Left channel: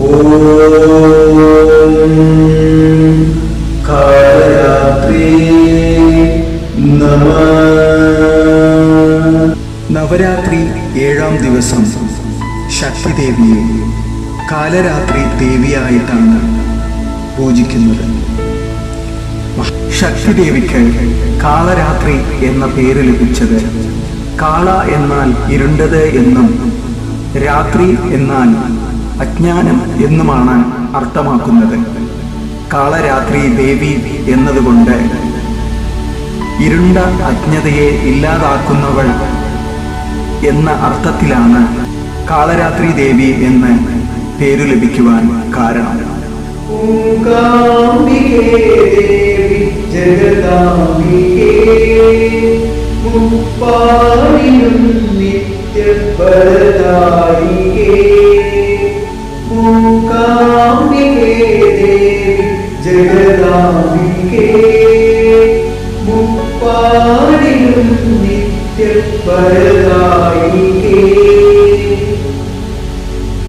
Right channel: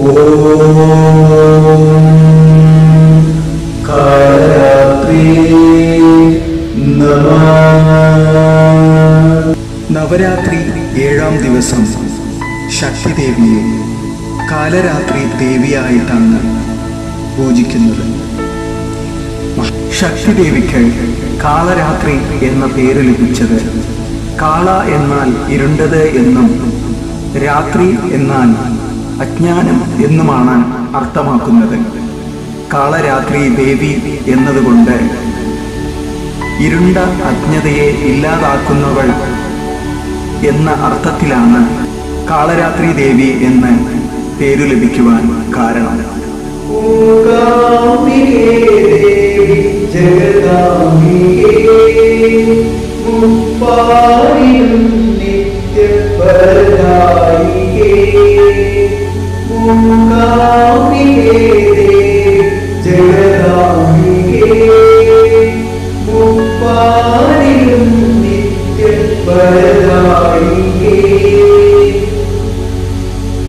ഓം കാലരാത്രി നമഃ. നവരാത്രി 7-ാം ദിവസം ശക്തിദേവിയെ കാലരാത്രി ദേവിയായിട്ടാണ് പൂജിക്കുന്നത്. ശക്തിദേവിക്ക് കാളരാത്രി എന്ന പേര് ലഭിച്ചത് കാള എന്നാൽ ഇരുണ്ടത് എന്നും രാത്രി എന്നാൽ അജ്ഞാനം എന്നുമാണ് അർത്ഥമാക്കുന്നത്. കാളരാത്രി ദേവി എന്നതുകൊണ്ട് ഇരുണ്ട അജ്ഞതയെ ഇല്ലാതാക്കുന്നവൾ എന്ന അർത്ഥത്തിലാണ് കാളരാത്രി ദേവി എന്ന് പേരു ലഭിക്കുവാൻ കാരണം. മൂകാംബികേ ദേവി ജഗദാംബികേ മുപ്പാരിലും നിത്യവരദായികേ. മൂകാംബികേ ദേവി ജഗദാംബികേ മുപ്പാരിലും നിത്യവരദായികേ.